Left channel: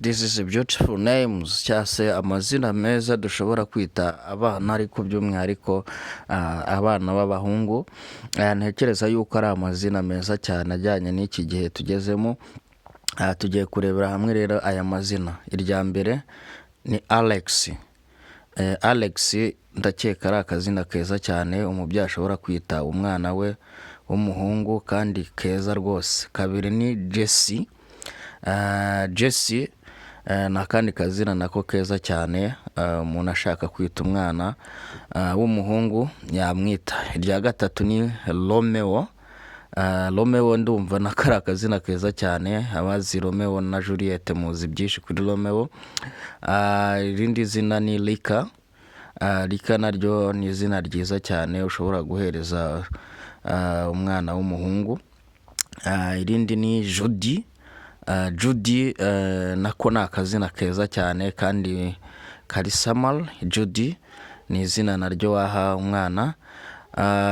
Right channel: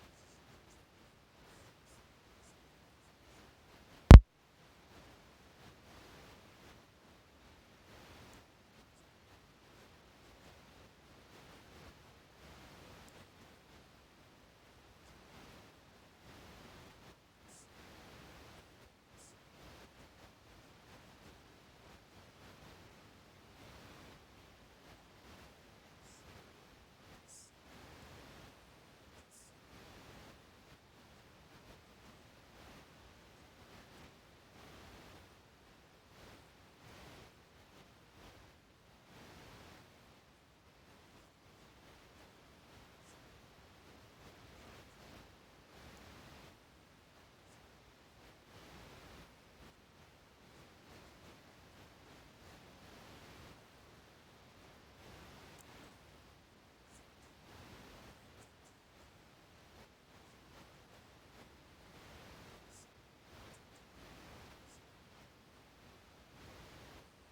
this is a beautiful names cyangwa se amazina meza dushobora kwita abana ariko by'umwihariko abana b'abahungu. Ntekereza yuko ari amazina meza cyane ajyanye n'iki gihe tugezemo. Tugiye kurebera hamwe rero aya mazina. Irya mbere ni Alex. Alex ndakeka ari akazina keza cyane umubyeyi ashobora kwita umwana we w'umuhungu kandi keza rwose. Kabiri ni Jesse. Jesse ni akandi kazina nako keza cyane umuntu ashaka kwita umwana w'umuhungu yamwita. Irya gatatu ni Romeo. Romeo ndumva nako ari akazina keza cyane, abazi Romeo na Juliet muzi byinshi kuri Romeo. Irindi zina ni Lika. Lika naryo ni izina ryiza cyane ushobora guhereza umwana w'umuhungu. Irindi ni Judy. Judy nako ni akazina keza cyane kandi kari Samal. Judy ni izina naryo waha umwana.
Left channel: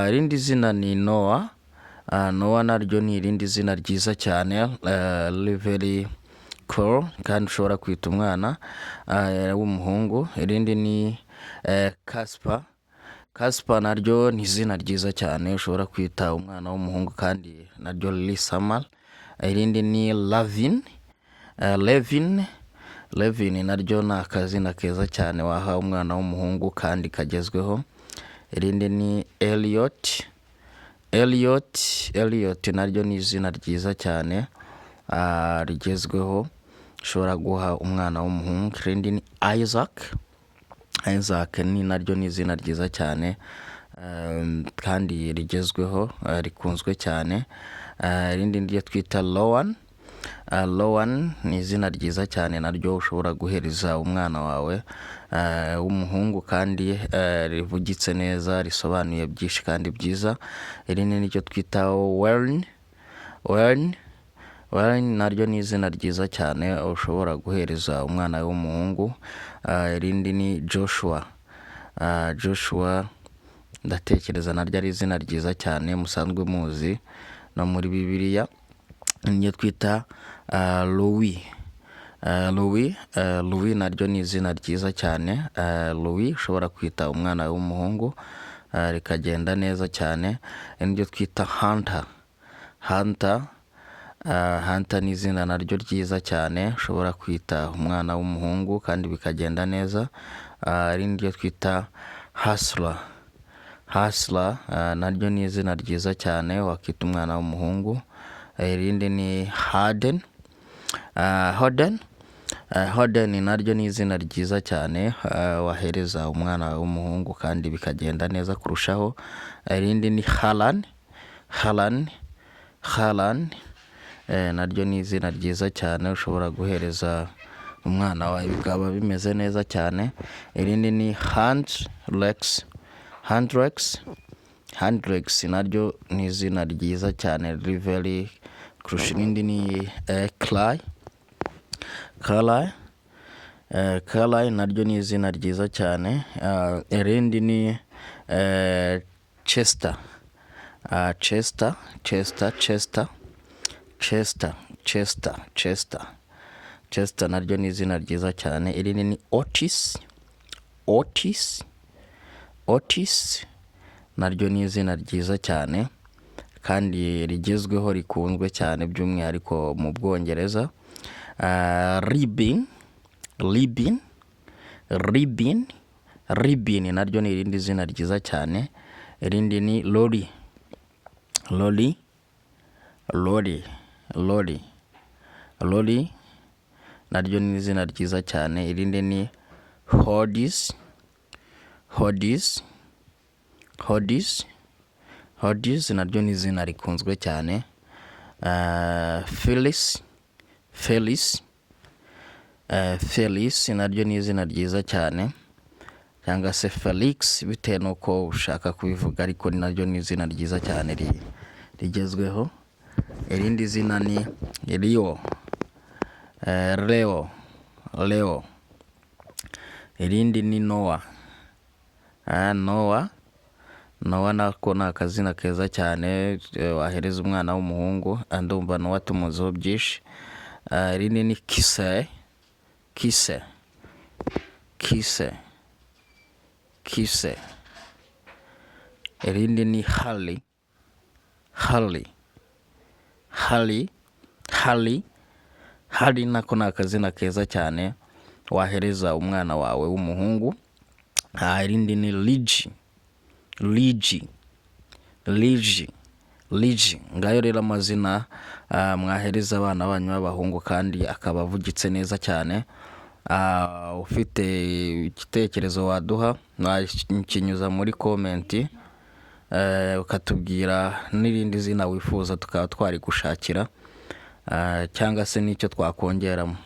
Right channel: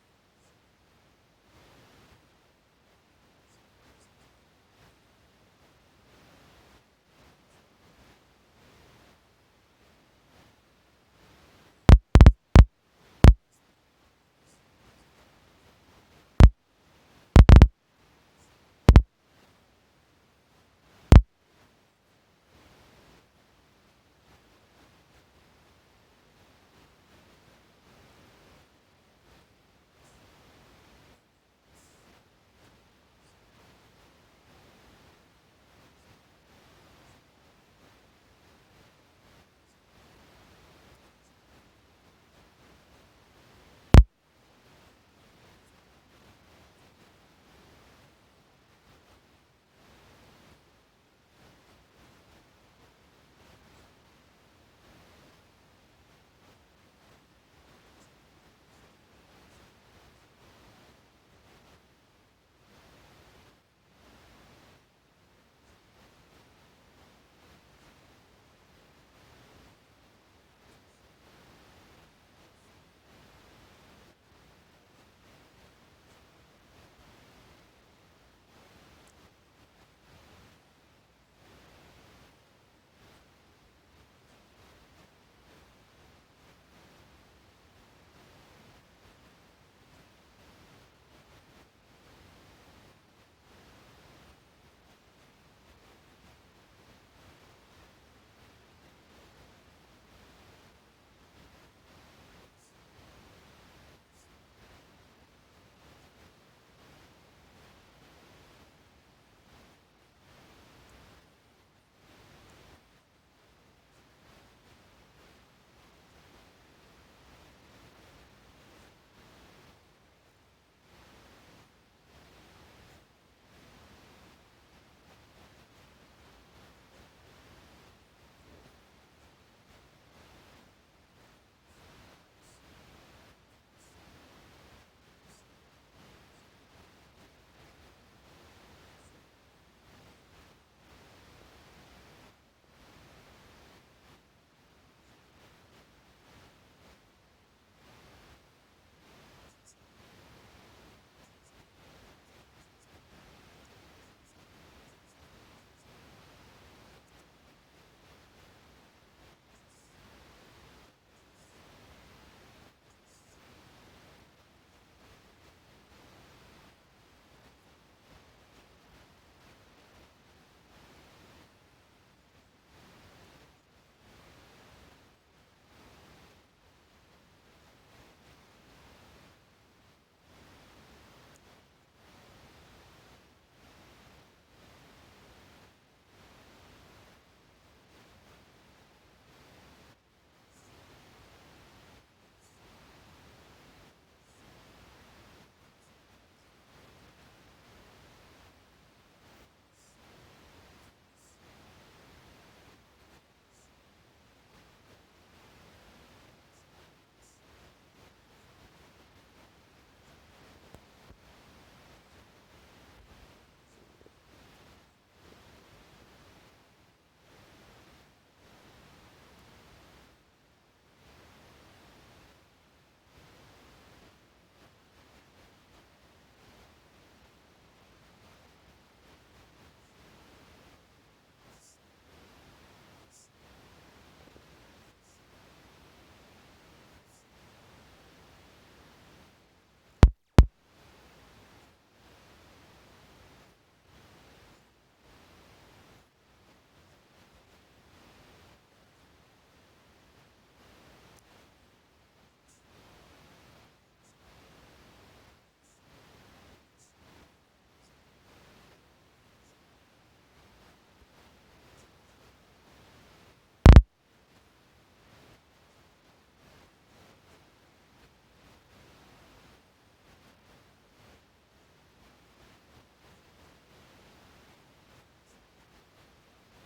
Irindi zina ni Noah. Noah naryo ni irindi zina ryiza cyane, very cool kandi ushobora kwita umwana w'umuhungu. Irindi ni Casper. Casper naryo ni izina ryiza cyane ushobora kwita umwana w'umuhungu kandi naryo riri Samal. Irindi ni Lavin. Levin naryo ni akazina keza cyane waha umwana w'umuhungu kandi kagezweho. Irindi ni Elliot naryo ni izina ryiza cyane rigezweho ushobora guha umwana w'umuhungu. Irindi ni Isaac ni naryo ni izina ryiza cyane kandi rigezweho rikunzwe cyane. Irindi niryo twita Loan. Loan ni izina ryiza cyane naryo ushobora guhereza umwana wawe w'umuhungu kandi rivugitse neza risobanuye byinshi kandi byiza. Irindi niryo twita Wern naryo ni izina ryiza cyane ushobora guhereza umwana w'umuhungu. Irindi ni Joshua. Joshua ndatekereza naryo ari izina ryiza cyane musanzwe muzi no muri Bibiliya. Niryo twita Louis naryo ni izina ryiza cyane. Louis ushobora kwita umwana w'umuhungu rikagenda neza cyane. Niryo twita Hunter ni izina naryo ryiza cyane ushobora kwita umwana w'umuhungu kandi bikagenda neza. Irindi ryo twita Hustler naryo ni izina ryiza cyane wakita umwana w'umuhungu. Irindi ni Harden naryo ni izina ryiza cyane wahereza umwana w'umuhungu kandi bikagenda neza kurushaho. Irindi ni Harlan naryo ni izina ryiza cyane ushobora guhereza umwana wawe bikaba bimeze neza cyane. Irindi ni Hendrix naryo ni izina ryiza cyane very kurusha. Irindi ni Carly naryo ni izina ryiza cyane. Irindi ni Chester naryo ni izina ryiza cyane. Irindi ni Otis naryo ni izina ryiza cyane kandi rigezweho rikunzwe cyane by'umwihariko mu Bwongereza. Ribin naryo ni irindi zina ryiza cyane. Irindi ni Lori naryo ni izina ryiza cyane. Irindi ni Hodis naryo ni izina rikunzwe cyane. Felix naryo ni izina ryiza cyane cyangwa se Felix bitewe n'uko ushaka kubivuga ariko naryo ni izina ryiza cyane rigezweho. Irindi zina ni Leo. Irindi ni Noah nako ni akazina keza cyane wahereza umwana w'umuhungu. Ndumva Noah tumuziho byinshi. Irindi ni Kise, Kise, Kise. Irindi ni Hali, Hali, Hali, Hali. Hali nako ni akazina keza cyane wahereza umwana wawe w'umuhungu. Irindi ni Ligi, Ligi, Ligi, Ligi. Ngayo rero amazina mwahereza abana banyu b'abahungu kandi akaba avugitse neza cyane. Ufite igitekerezo waduha wakinyuza muri komenti, ukatubwira n'irindi zina wifuza tukaba twari gushakira, cyangwa se n'icyo twakongeramo.